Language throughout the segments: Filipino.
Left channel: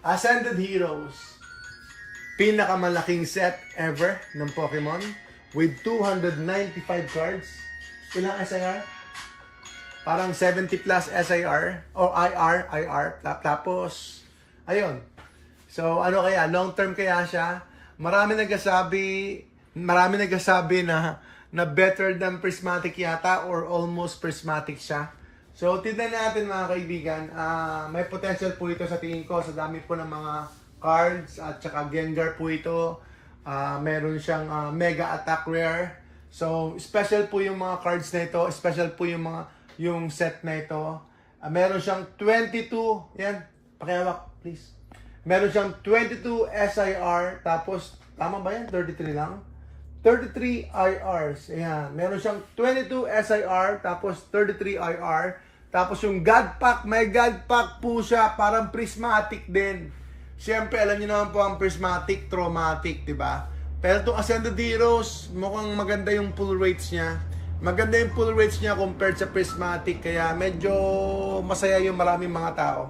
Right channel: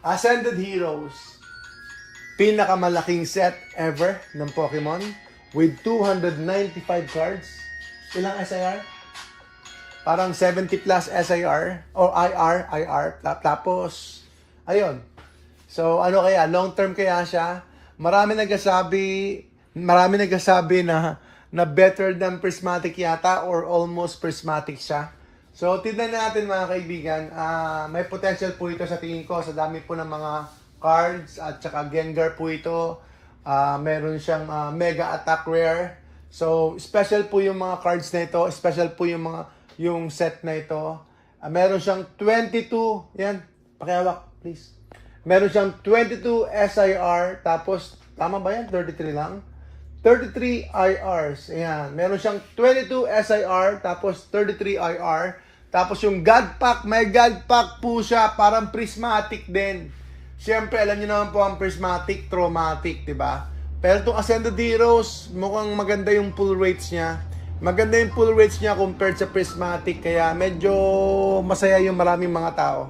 Ascended Heroes. Pinakamalaking set ever ng Pokemon with 295 cards. Ilang SIR? Parang 70 plus SIR or IR. Tapos, ayun. So, ano kaya? Long term kaya siya? Marami nagsasabi na better than prismatic yata or almost prismatic siya. So, tignan natin mga kaibigan. May potential po ito sa tingin ko sa dami po ng mga cards at saka Gengar po ito. Meron siyang mega attack rare. So, special po yung mga cards na ito. Special po yung set na ito. Meron siyang 22. Yan. Pakihawak, please. Meron siyang 22 SIR. Tapos, tama ba yan? 33 lang? 33 IRs. Ayan. Meron siyang 22 SIR. Tapos, 33 IR. Tapos, yung God Pack. May God Pack po siya. Parang prismatic din. Siyempre, alam niyo naman po ang prismatic, traumatic, di ba? Pero itong Ascended Heroes, mukhang maganda yung pull rates niya. Maganda yung pull rates niya compared sa prismatic. Kaya medyo masaya yung maraming mga tao.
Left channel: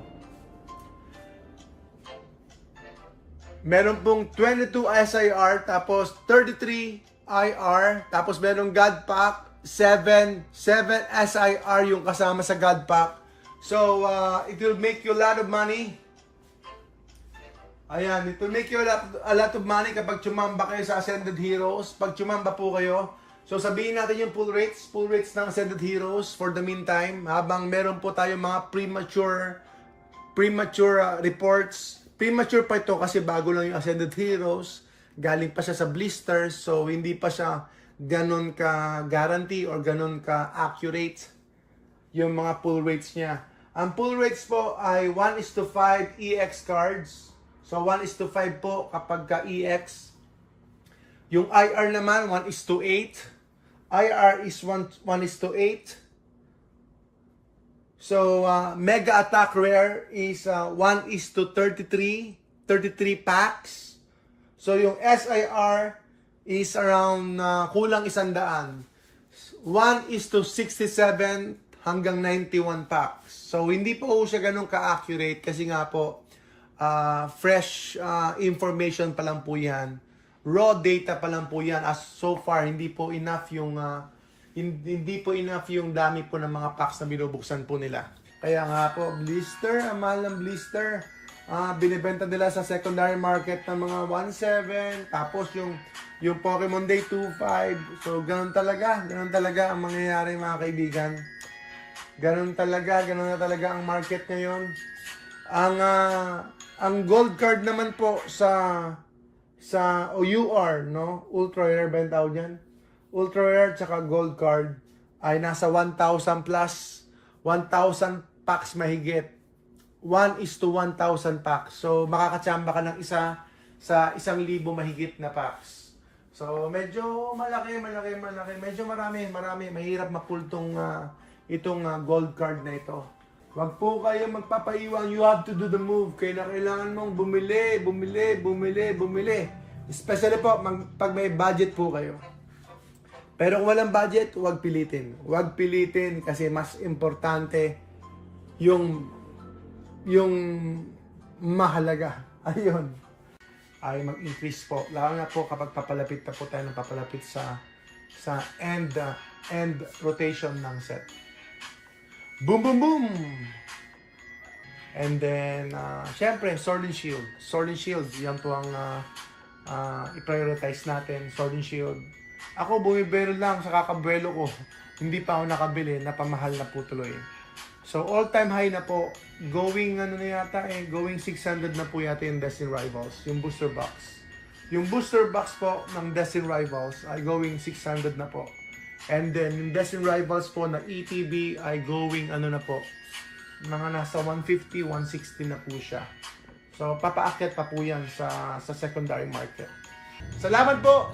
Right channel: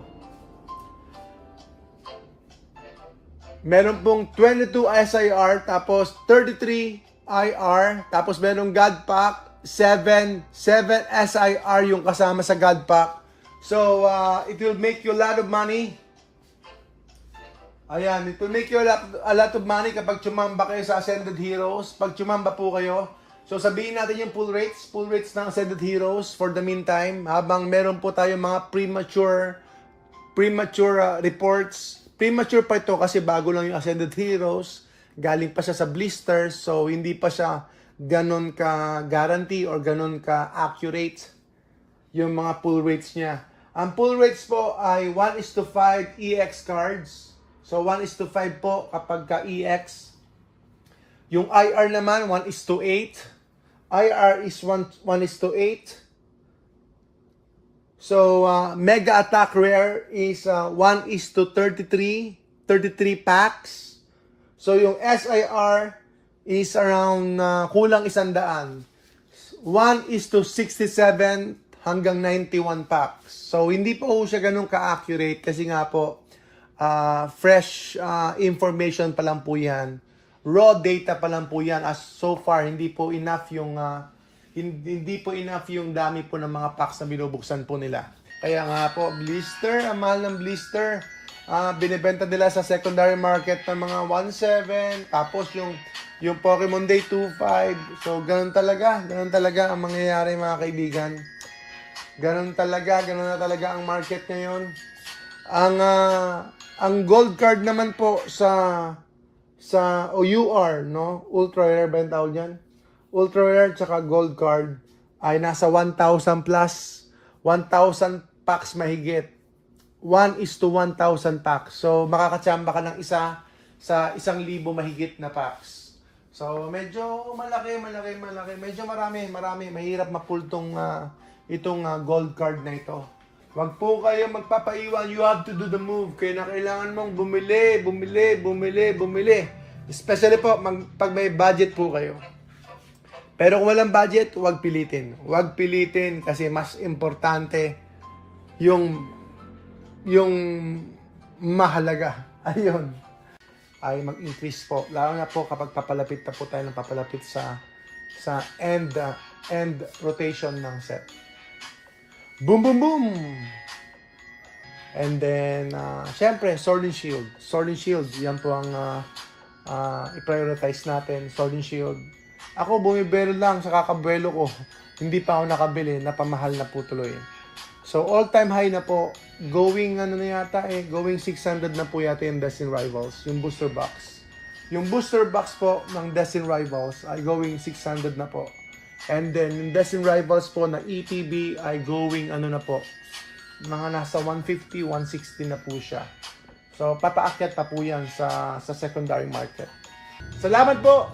Meron pong 22 SIR, tapos 33 IR, tapos merong God Pack, 7 SIR yung kasama sa God Pack. So, it will make you a lot of money. Ayan, it will make you a lot of money kapag tsumamba kayo sa Ascended Heroes. Pag tsumamba po kayo. So sabihin natin yung pull rates ng Ascended Heroes for the meantime. Habang meron po tayo mga premature reports. Premature pa ito kasi bago lang yung Ascended Heroes. Galing pa siya sa blisters. So hindi pa siya ganon ka guarantee or ganon ka accurate yung mga pull rates niya. Ang pull rates po ay 1:5 EX cards. So, 1:5 po kapag ka EX. Yung IR naman, 1:8. IR is 1:8. So, Mega Attack Rare is 1:33. 33 packs. So, yung SIR is around kulang 100. 1:67 hanggang 91 packs. So, hindi po siya ganun ka-accurate kasi nga po, fresh information pa lang po yan. Raw data pa lang po yan. As so far, hindi po enough yung dami po ng mga packs na binubuksan po nila. Kaya nga po, blister, ang mahal ng blister. Binibenta nila sa secondary market ng mga 1.7. Tapos yung Pokemon Day 2.5. So, ganun talaga ang mangyayari mga kaibigan. Ganun na talaga ang market ngayon. Ang gold card naman po sa UR, no? Ultra rare ba yung tawag yan? Ultra rare tsaka gold card ay nasa 1,000 plus. 1,000 packs mahigit. 1:1,000 packs. So, makakatsamba ka ng isa sa 1,000 mahigit na packs. So, medyo malaki. Medyo marami. Mahirap mapul itong gold card na ito. Wag po kayo magpapaiwan. You have to do the move. Kaya kailangan mong bumili. Especially po, pag may budget po kayo. Pero kung walang budget, wag pilitin. Wag pilitin kasi mas importante yung mahalaga. Ayun. Ay mag-increase po. Lalo na po kapag papalapit na po tayo ng papalapit sa end rotation ng set. Boom! And then, syempre, Sword and Shield. Sword and Shield, yan po ang i-prioritize natin. Sword and Shield. Ako, bumibero lang sa kakabuelo ko. Hindi pa ako nakabili, napamahal na po tuloy. So, all-time high na po. Going 600 na po yata yung Destined Rivals, yung booster box. Yung booster box po ng Destined Rivals ay going 600 na po. And then, yung Destined Rivals po na ETB ay going na po, mga nasa 150, 160 na po siya. So, papaakyat pa po yan sa secondary market. Salamat po!